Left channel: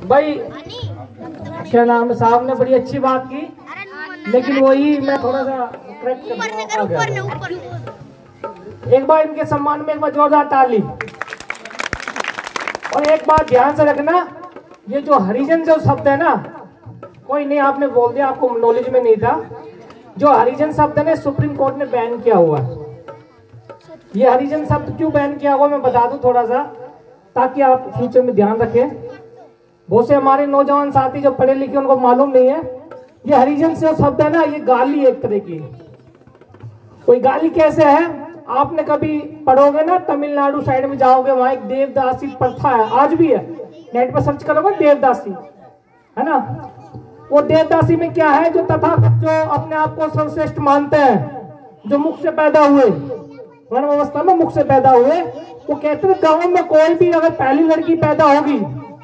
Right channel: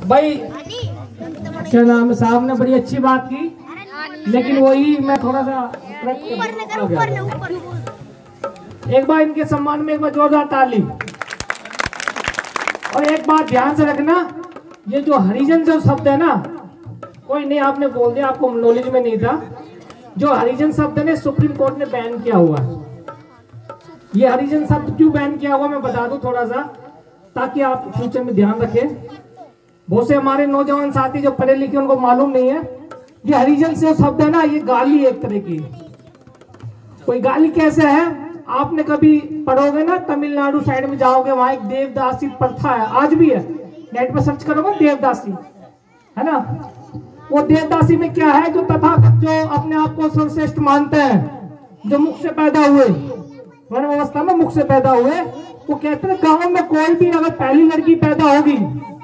भाई क्या नाम है, साहब ने बड़ी अच्छी बात की, लेकिन वही मैं थोड़ा सा आ गया। एक बार इनके सम्मान में एक बार जोरदार ताली। और एक बात ध्यान से रखना, ये जो हरिजन जो शब्द है ना, कोई नहीं आपने बोल दिया, आपको नॉलेज में नहीं था। जो हरिजन शब्द है सुप्रीम कोर्ट ने बैन किया हुआ। ये हरिजन शब्द क्यों बैन किया हुआ मैं बता दूं थोड़ा सा, ताकि आप फ्यूचर में ध्यान रखें। बहुत से हमारे नौजवान साथी जो पढ़े लिखे उनको मालूम नहीं है, ये हरिजन से शब्द है ना, ये गाली एक तरह की। कोई गाली कैसे है, आपने कभी पढ़ोगे ना, तमिलनाडु साइड में जाओगे, वहां एक देवदासी प्रथा है, आज भी है, नेट पर सर्च करोगे देवदासी है ना। वो देवदासी में क्या है, जो तथागत जो अपने आप को सर्वश्रेष्ठ मानते हैं, जो मुख से पैदा हुए, वर्ण अवस्था में मुख से पैदा हुए, वो कहते हैं गांव में कोई भी अगर पहली लड़की पैदा होगी,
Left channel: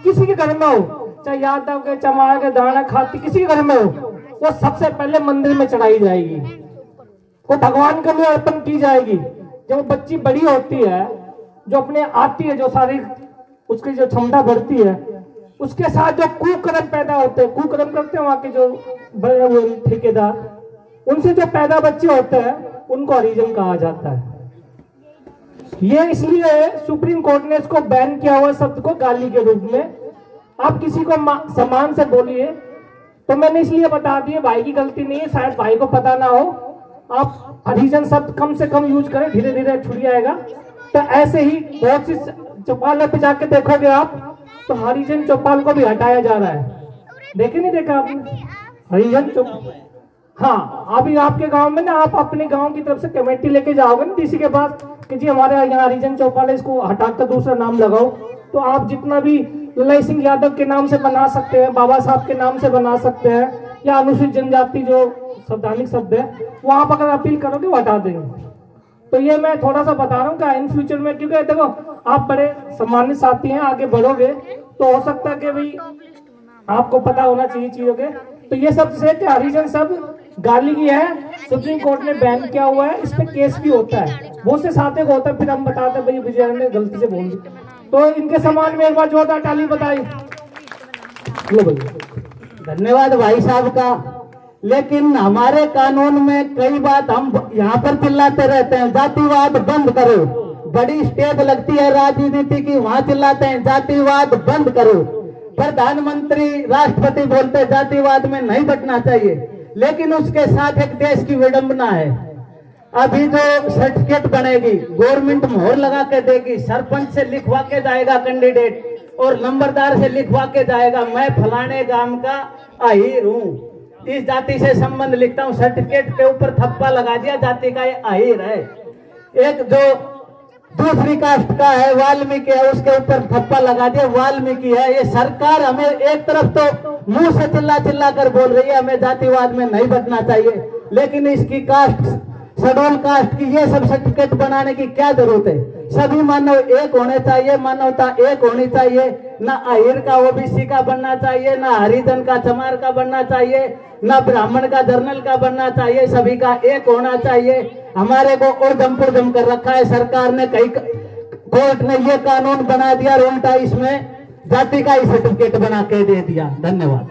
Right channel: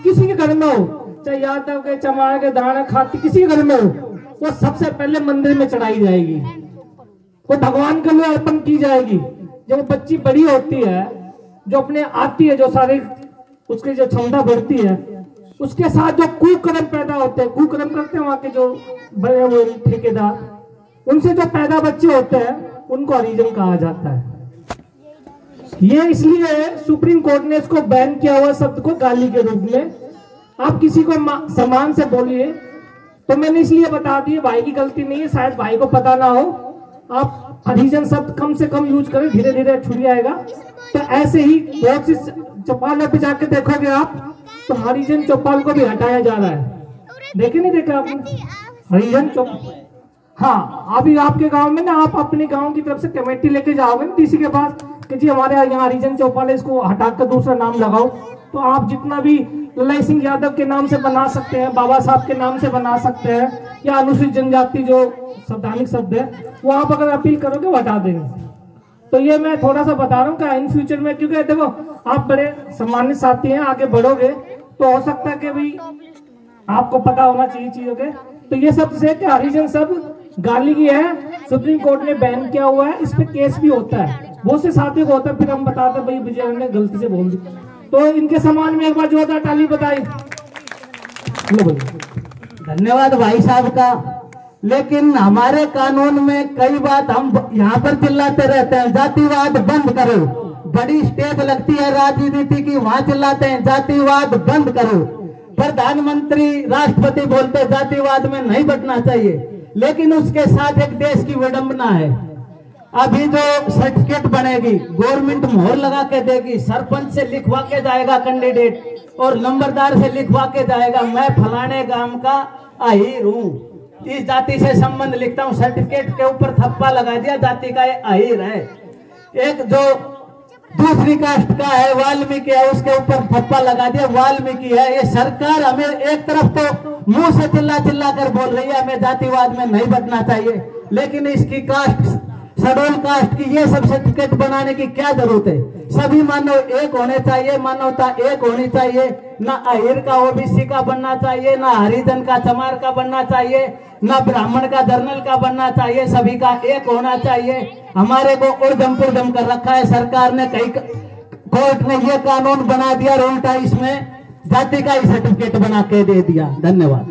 किसी के घर में हो, चाहे यादव के, चमार के, दाना खाती, किसी के घर में हो, वो सबसे पहले मंदिर में चढ़ाई जाएगी, वो भगवान के लिए अर्पण की जाएगी। जब वो बच्ची बड़ी होती है, जो अपने आती है, जो शारीरिक उसकी जो क्षमता बढ़ती है, उसके साथ जो कुकर्म पैदा होते हैं, कुकर्म करते हैं वहां के जो बड़े हुए ठेकेदार, उनसे जो पैदा बच्चे होते हैं उनको हरिजन कहा जाता है। ये इसलिए सुप्रीम कोर्ट ने इसको बैन किया हुआ शब्द को गाली के रूप में। आप किसी को सम्मान से बोलिए, तो मैंने इसलिए बता दिया, भाई की गलती नहीं है, शायद भाई को पता ना हो। आप हरिजन शब्द कम से कम यूज करें, धीरे धीरे छूट जाएगा। तो ऐसे ही बहुत सी चौपाल पे जाके देखोगे आप, तो हरिजन चौपाल को भी हटाया जा रहा है। देखे नहीं देखा आपने हरिजन चौपाल? हाँ, अभी आपके गांव में ना, आप अपने गांव की तरफ से कमेटी लेके जाओगे ना डीसी के पास कि जी हमारे यहाँ हरिजन चौपाल है, इसको हटाकर दूसरा नाम लगाओ, तो आप जितना भी लल्लई सिंह यादव के नाम से बना सकते हैं, बाबा साहब के नाम से बना सकते हैं, या अनुसूचित जनजाति जो संवैधानिक शब्द है, वो आप अगर अपील करोगे वो हटा देंगे। तो ये मैं थोड़ा सा बता रहा हूँ कि इन फ्यूचर में, क्योंकि देखो आप बड़े सम्मानित साथी हैं, आगे बढ़ोगे तो हो सकता है कि भाई आपको पता होना चाहिए चीजों के। तो ये सब से हरिजन सब गाली की है, सुप्रीम कोर्ट ने बैन किया हुआ है, इस पे केस भी होता है, बहुत से साथियों को होता है, फिर हम बताते भाई विजय ने गलती से बोल दी। तो इनके सम्मान में एक बार जोरदार ताली बताई। धन्यवाद भाई साहब का। लेकिन हमारे कानून में कई बात हम यहाँ पर चिल्लाते रहते हैं, जातिवाद बंद करो। बड़ी स्टेज लगती है राजनीति की, वहां चिल्लाते हैं जातिवाद बंद करो। प्रधानमंत्री राष्ट्रपति बोलते हैं जातिवाद में नहीं बटना चाहिए, लेकिन उसके साथ एक देश की विडंबना है। अभी जो सर्टिफिकेट बनेगी, गवर्नमेंट मोहर लगा के देगी, सरपंच से लिखवा के जाएगा कैंडिडेट, और नंबरदार से लिखवा के जाएगा मैं फलाने गांव का अहीर हूँ, इस जाति से संबंध लिखता हूँ, सर्टिफिकेट के ऊपर थप्पा लगा दिया, जाति का अहीर है। एक जो दूसरी कास्ट का है, वाल्मीकि है, उसके ऊपर थप्पा लगा दिया वाल्मीकि है। ये सरकार हमें एक तरफ तो मुंह से चिल्ला चिल्ला कर बोल रही है हमें जातिवाद में नहीं बटना चाहिए, लेकिन इसकी कास्ट, शेड्यूल कास्ट की ये सब सर्टिफिकेट बनाने की क्या जरूरत है? सभी मानव एक होने चाहिए, मानवता एक होनी चाहिए। ना अहीर का ओबीसी का बनना चाहिए, ना हरिजन का चमार का बनना चाहिए, ना ब्राह्मण का जर्नल का बनना चाहिए, सभी का एक होना चाहिए। हमारे को उर्दम पुर्दम कर रखा है सरकार ने, कई कोर्ट ने ये कानून बना दिया, उल्टा इसमें जाति का ही सर्टिफिकेट बना के दे दिया। धन्यवाद।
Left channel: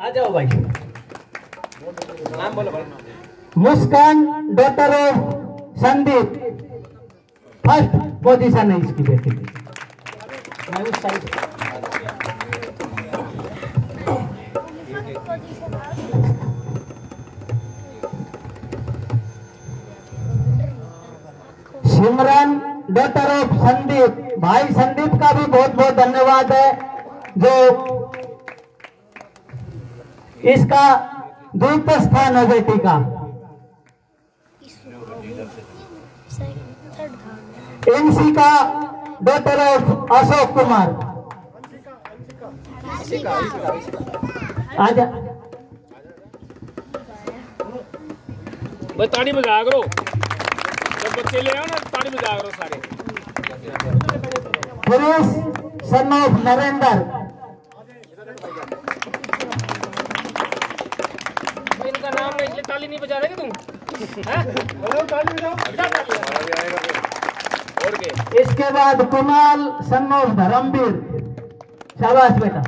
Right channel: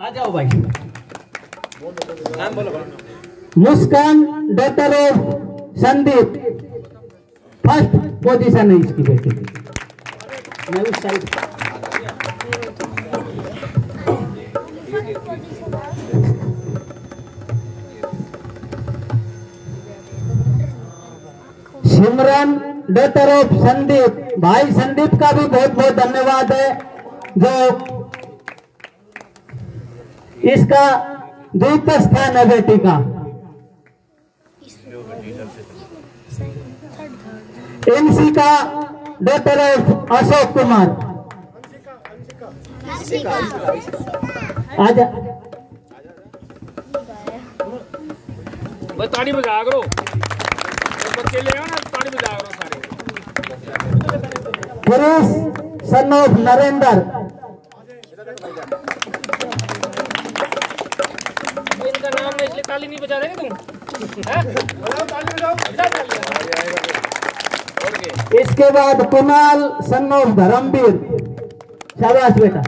आ जाओ भाई, नाम बोलो भाई। Muskan daughter of Sandeep, first position है इसकी बेटी। मैं उस side Simran daughter of Sandeep. भाई संदीप का भी बहुत बहुत धन्यवाद है, जो इसका द्वितीय स्थान है बेटी का। एनसी का डॉटर ऑफ अशोक कुमार। आजा ताड़ी बजा करो, बच्चे ले आओ ना, ताड़ी बजा करो सारे। Girish son of Narendra. इनका नाम है इसलिए ताली नहीं बजा रहे तुम? इसके बाद कुणाल सन ऑफ धर्मवीर, शाबाश बेटा।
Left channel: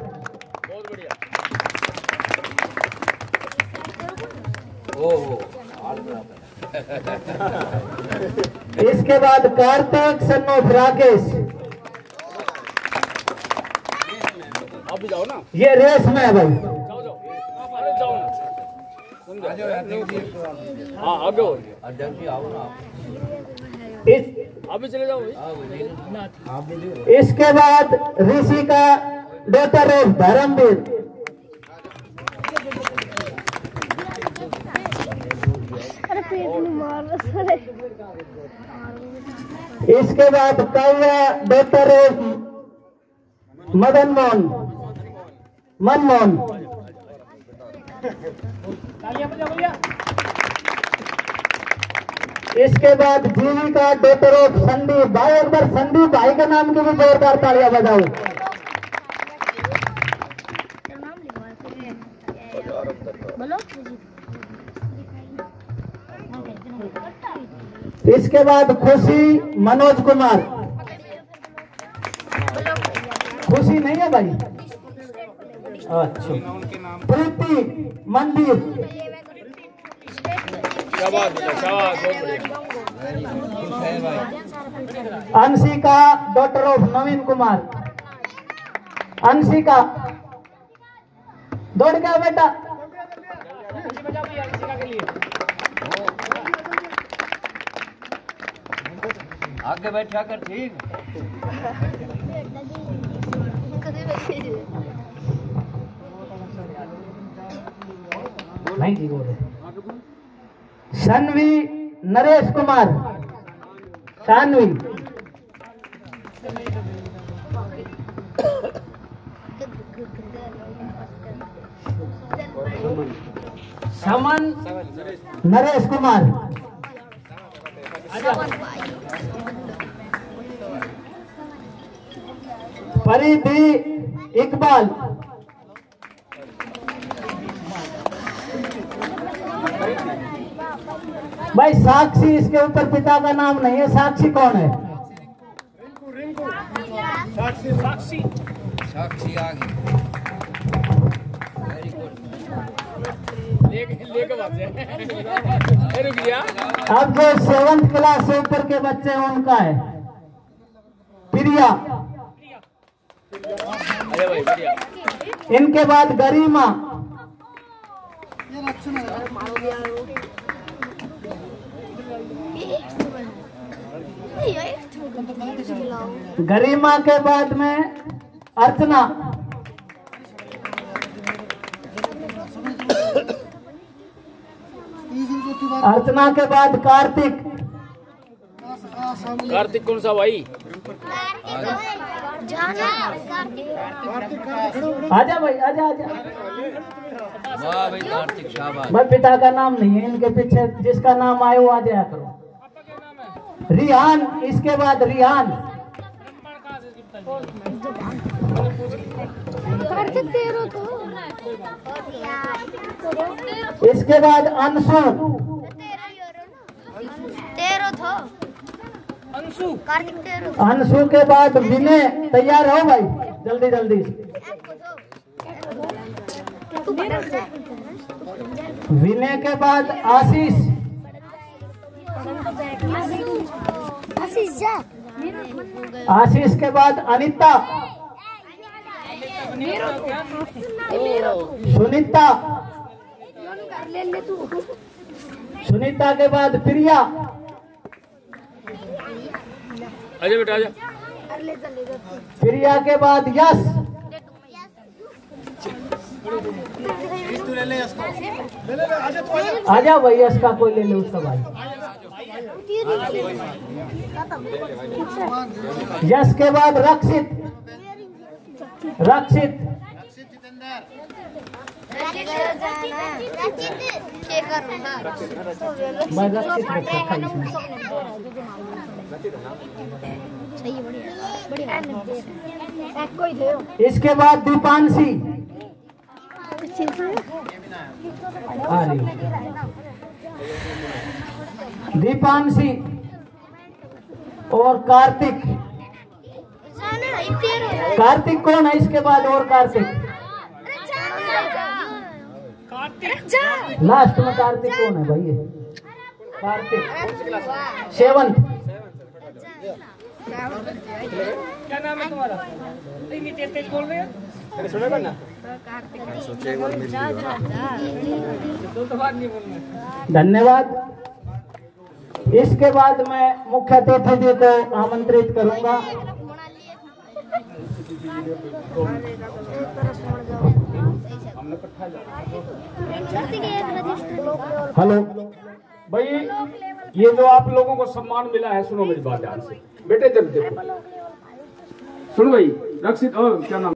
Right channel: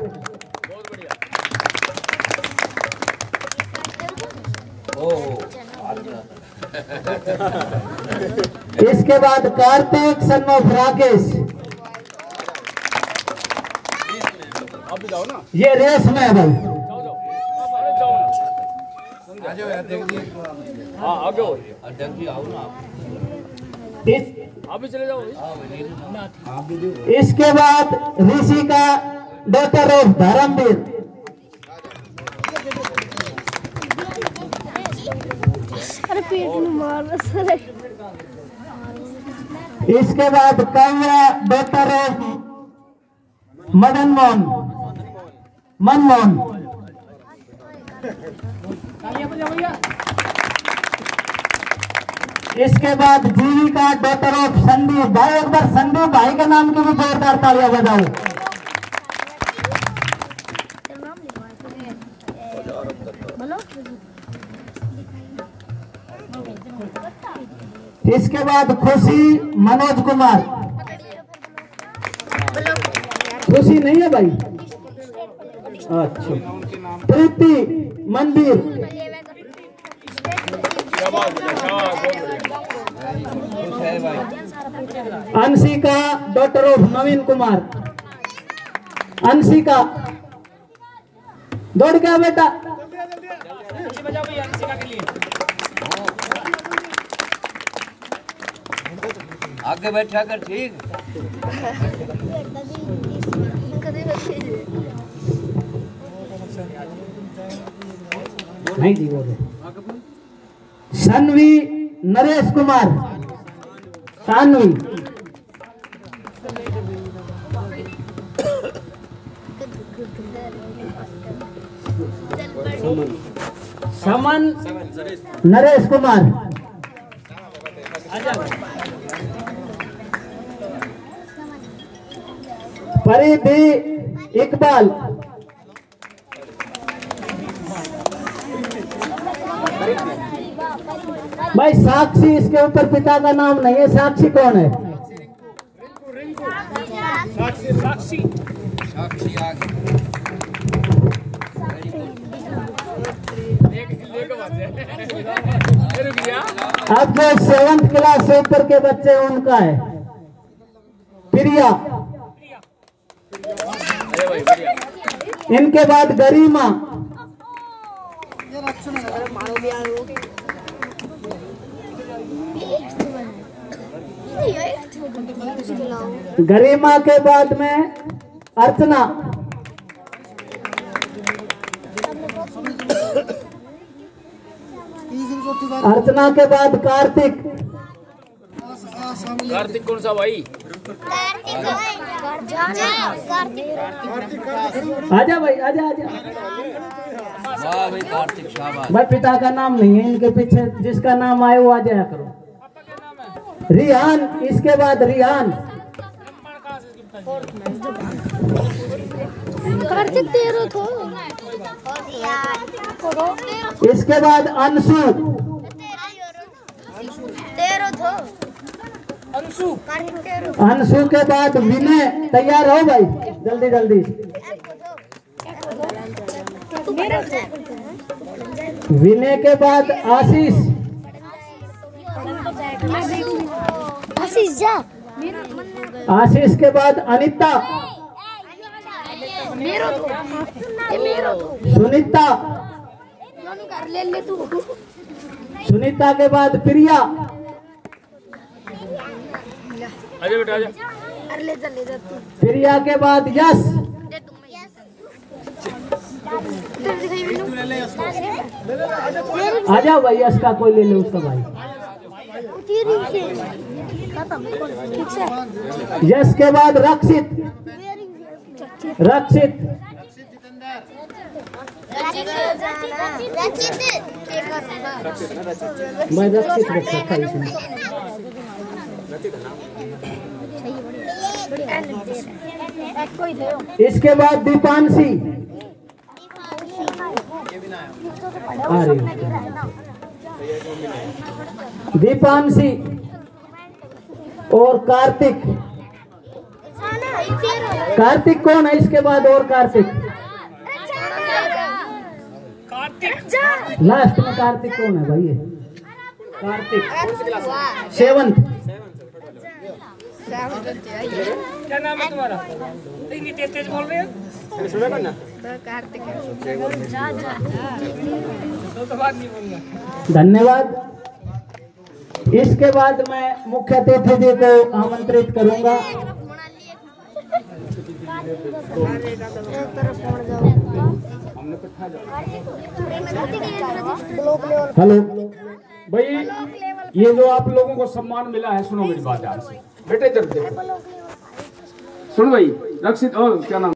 इसके बाद कार्तिक सन ऑफ राकेश, ये रेस में है भाई। चले जाओ। इसके बाद ऋषि का डॉक्टर ऑफ धर्मवीर, इसके बाद काव्या डॉक्टर ऑफ मदन मोहन, मनमोहन। इसके बाद जीविका डॉक्टर ऑफ संदीप भाई, एक बार संदीप भाई के नाम की भी जोरदार तालियां बजाओ। इसके बाद खुशी मनोज कुमार, खुशी नहीं है भाई, अच्छा। प्रीति मंदिर, अंशिका डॉक्टर ऑफ नवीन कुमार, अंशिका दौड़ गया बेटा। आगे बैठा कर, ठीक नहीं जी बोले। सानवी नरेश कुमार, सानवी। समन नरेश कुमार, फरीदी इकबाल, भाई साक्षी, इसके ऊपर पिता का नाम नहीं है। साक्षी कौन है? साक्षी अब जो 7th क्लास से ऊपर के बच्चे उनका है प्रिया। इनके बाद गरिमा, गरिमा के बाद में अर्चना, अर्चना के बाद कार्तिक। कार्तिक कौन सा भाई? आजा भाई, आजा आजा भाई, कार्तिक शाबाश। भाई पिता का नाम नहीं है इनके पीछे, जिसका नाम आया वो आ जाया करो। रिहान, इसके बाद रिहान, कार्तिक 13 थो। इसके बाद अंशु, 13 थो। अंशु, कार्तिक 13। अंशु के बाद विनय। तैयार हो भाई, जल्दी जल्दी। विनय के बाद आशीष, आशीष के बाद अनिता, सुनीता, सुनीता के बाद प्रिया। आजा बेटा आजा। प्रिया के बाद यश, आजा भाई, यश का कोई ले लो उसका भाई। यश के बाद रक्षित, रक्षित, मैं रक्षित। इसके बाद दीपांशी, दीपांशी और कार्तिक। कार्तिक कौन है इसके बाद? और कार्तिक लास्ट में कार्तिक कौन है भैया? कार्तिक सेवंत। क्या नाम है तुम्हारा? इतनी तेज तेज बोल रहे हैं। तो बात नहीं बोलना। धन्यवाद। इसके बाद मैं मुख्य अतिथि जी को आमंत्रित करूंगा। हेलो भाई, ये जो आप लोगों को सम्मान मिला है, सुनो मेरी बात ध्यान से बेटे। जब देखो सुन भाई, रक्षित क्या नाम